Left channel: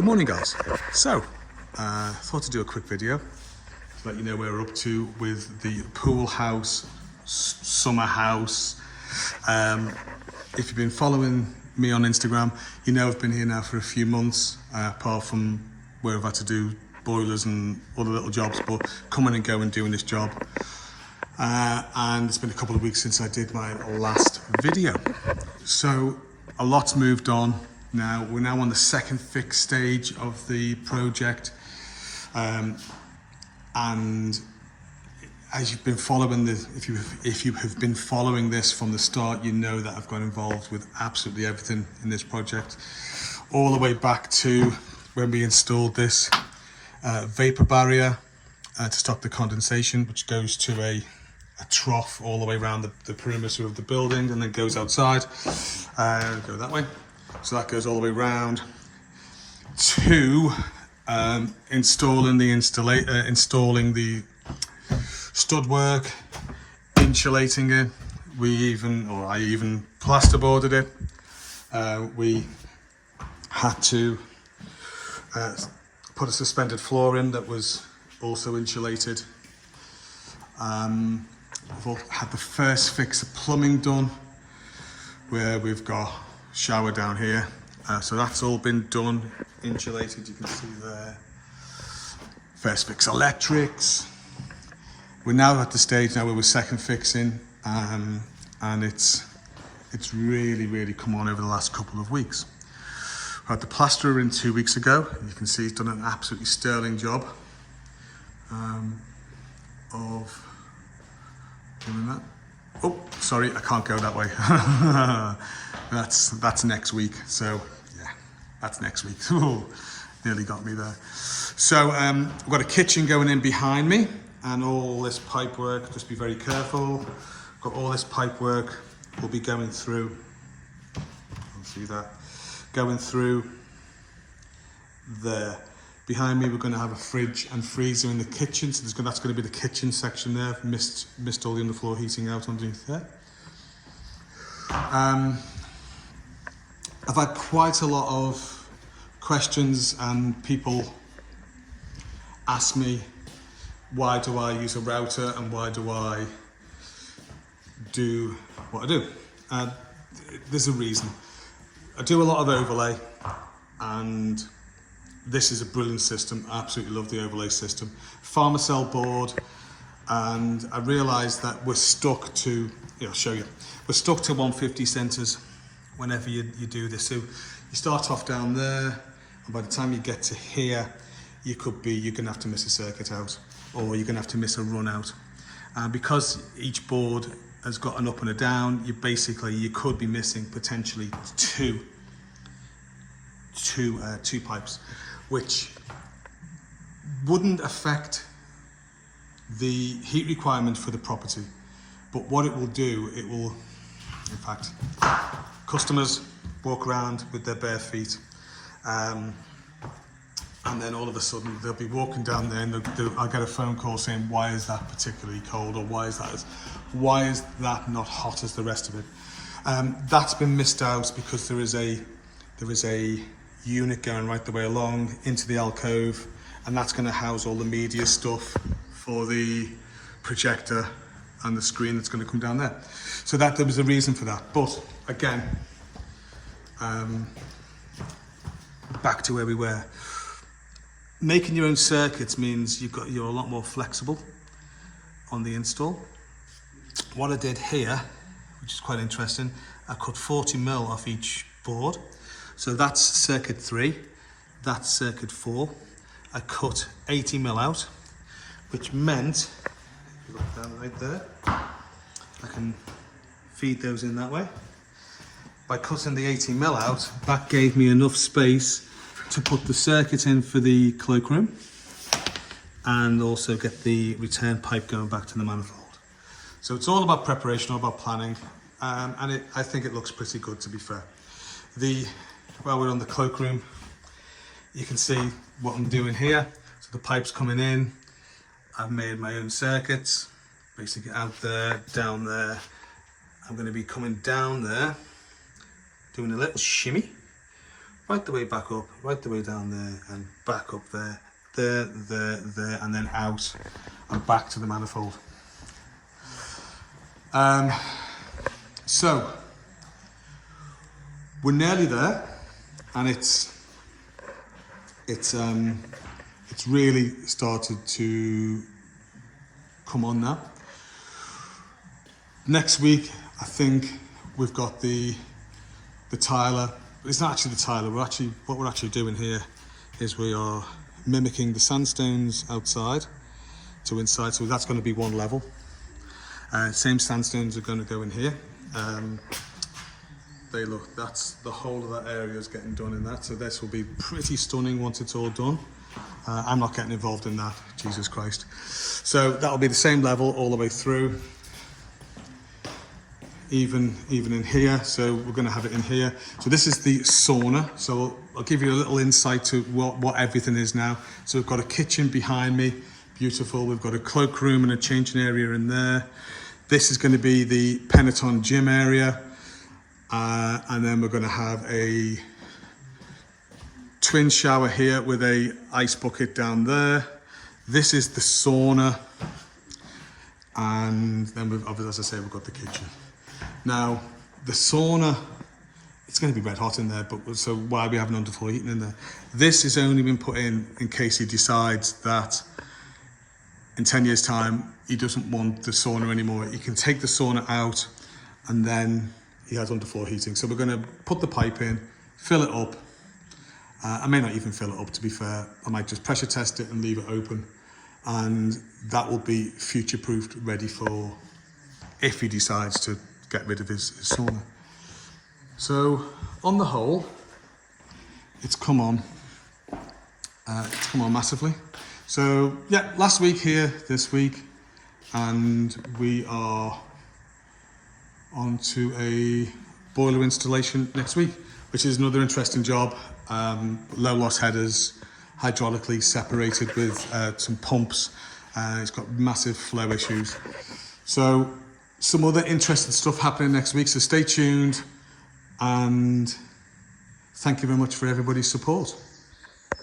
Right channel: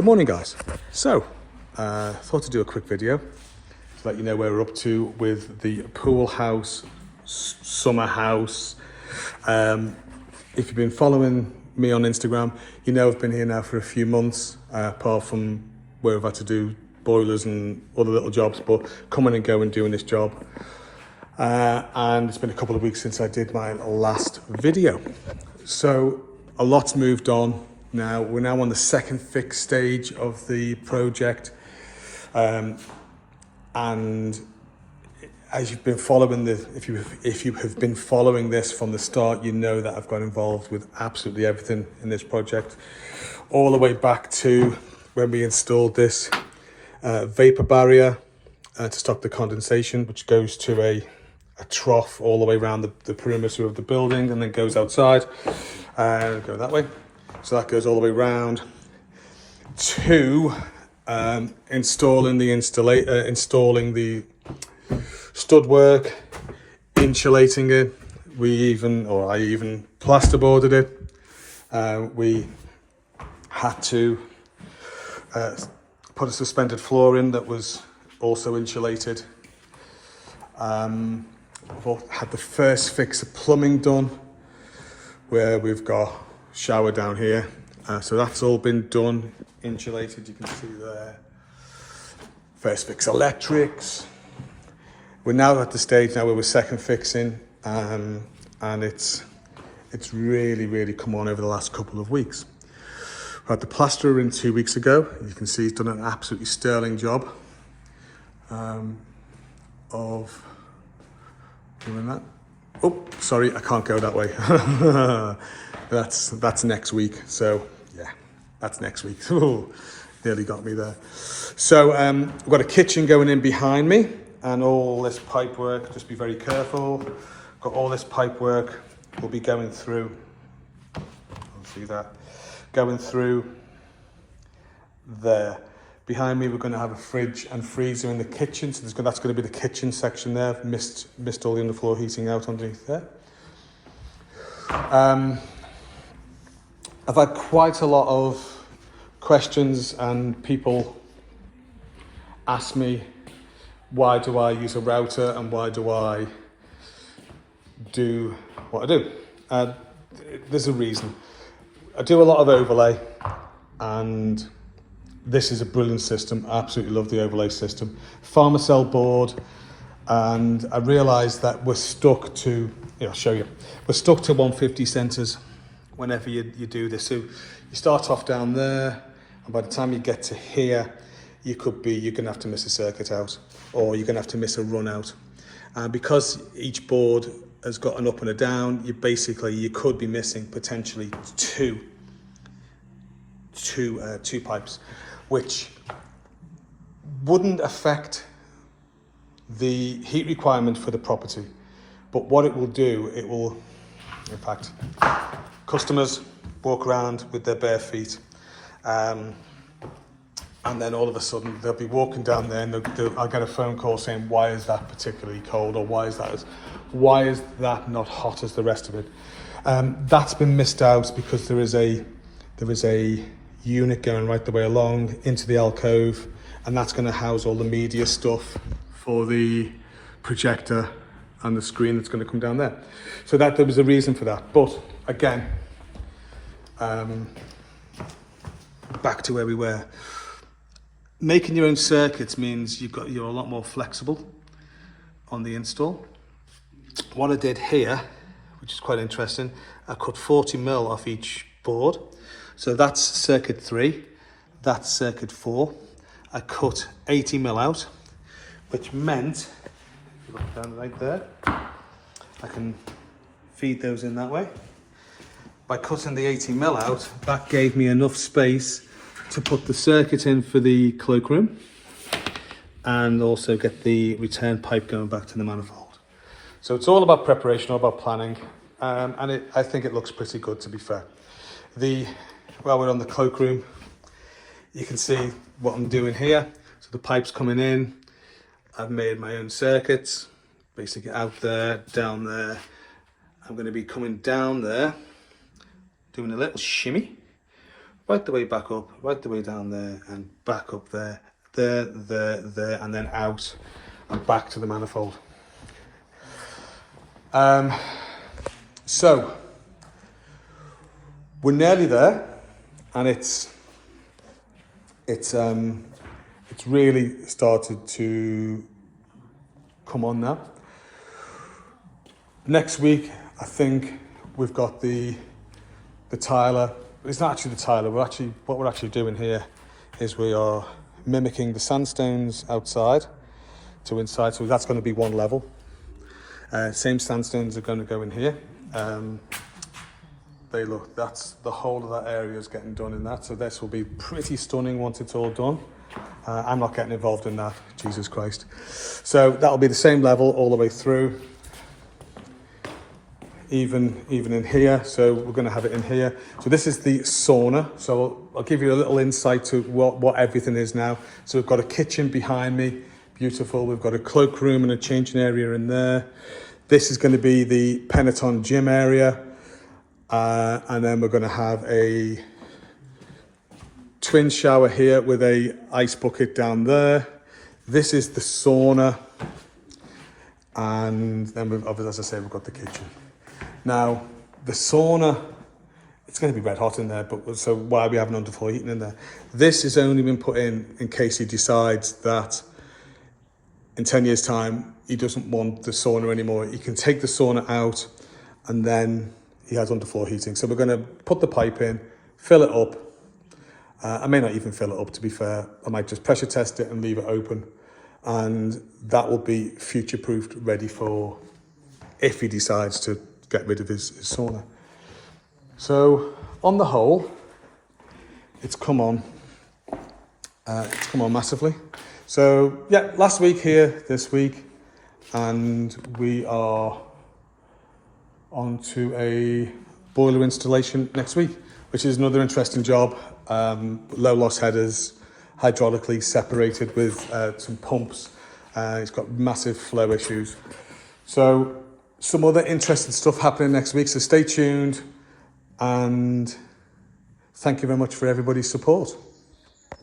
Good morning, guys. So, thought to do a quick video to let you know where we're up to with the pool house, summer house. If you've been following me on Instagram, you know I've been here now for a few months, apart from where I've had to do boilers and other little jobs, but coming and going doing this job. And it's been a couple of weeks since I did my last video. So a lot's moved on. Now we're on the second fix stage of the project, and as you've been following this, if you have been following this from the start, you know that I've got involved with absolutely everything in this project, all the way back to when we installed this vapor barrier to stop the condensation, which goes to a trough all the way around the perimeter of the building and then goes outside and go that way. So that goes all the way around to installing the stud work, insulating it. I even plasterboarded it. We had to put a suspended floor in that was also insulated. We've had the first fix of plumbing done, where we've got shower down here, so that's all been done, insulated, you can see there. First fix electrics. We're now at the stage now where we're second fixing, and it's really come on over the last couple of weeks. We had the plasterer in 2 weeks ago. You can see he's done an absolutely sterling job of doing that. Oh, sorry, I can't go that way. That's next week. So yeah, that's next week. Ooh, nearly got me there. So we've got a kitchen going in behind me, and all this pipe work. Just be very careful. Got all this pipe work will be going through. I'll see that going through there. Behind me, we're going to have a fridge and freezer in the kitchen. So that's going to be the kitchen section there. Missed all the underfloor heating out underneath there. I've had quite a lot of questions, and people ask me, why do I use a router and why do I do what I do? There's a reason. I do a lot of overlay, and this is a brilliant system. I absolutely love the overlay system. Farmer cell board, and I realised that we're stuck to, I'll show you. We're stuck to 150 centres whenever you do this. So you start off down there, and by the time you get to here, you're gonna have to miss a circuit out, or you're gonna have to miss a run out. Because each board has got an up and a down, you could be missing potentially two pipes, which wouldn't affect the heat requirement for the property. But what it will do, in fact, customers walk around with their bare feet, and then all of a sudden they'll be walking down there, and I'll get a phone call saying, why is that particularly cold, or why is that not hot as the rest of it? That's been missed out because there is a unit going right the way along into the alcove, and that's going to house all the media stuff for the projector and the screen that's going to come down there. So there was a reason for that. But again, back to where we were. Making your own circuits means you're a lot more flexible on the install. What I did here, which is quite interesting, I cut 40mm off each board. So that's circuit 3, that's circuit 4. I cut 80mm out, which meant, if you look down right there, I can feed those in that way. By cutting the 80mm out, that gave me enough space to put the circuit in for the cloakroom, and also get the return pipe going back to the manifold. So it's all about preparation, all about planning, and I think it looks pretty good, to be fair. While we're on the cloakroom, you can see what I'm doing here. So the pipe's coming in. I've made my own circuits, basically out there, down there. I'm going to be coming down there, doing a little shimmy, right the way back up, right the way down there, and back up there, there, and then out and back to the manifold. So we're nearly there, and it's really started to come on now. Next week, I think we've got the tiler. It's not actually the tiler. What we're actually doing here is we are mimicking the sandstones outside to inside. So that's going to be one level. Same sandstones are going to go in here. That's the whole of that area is getting done in that. So this will be pretty stunning once it's all done. I'm not getting involved in that, Jesus Christ. So that'll be the same level all the way through, even in here. So we're going to have it in here. So this is the sauna. So I'll give you a little insight to what everything is now. So we've got a kitchen behind me, beautiful. We've got a cloakroom and a changing area in there. This is going to be the Peloton gym area. And then we're going to have a twin shower here with a ice bucket down there. This is the sauna. And then as I say, we've got the kitchen. Now, the sauna, it's going to be red hot in there, but so why are we having underfloor heating in there? This has only been put in case he decides that in 10 years' time, he doesn't want the sauna anymore. He can take the sauna out and then he has underfloor heating. So we're going to put the pipe in, fill it up. I may not even fill it up, to be fair. I might just pressure test it and leave it open. And that will be future-proofed, ready for if he decides to get rid of his sauna. So on the whole, it's come on. It's come on massively. So yeah, last week here, this week, and we are on to a boiler installation next week, which is another interesting job. Low loss headers, hydraulically separated with some pumps. It's got massive flow issues. So some other interesting stuff happening next week. So stay tuned, and thank you very much for everybody's support.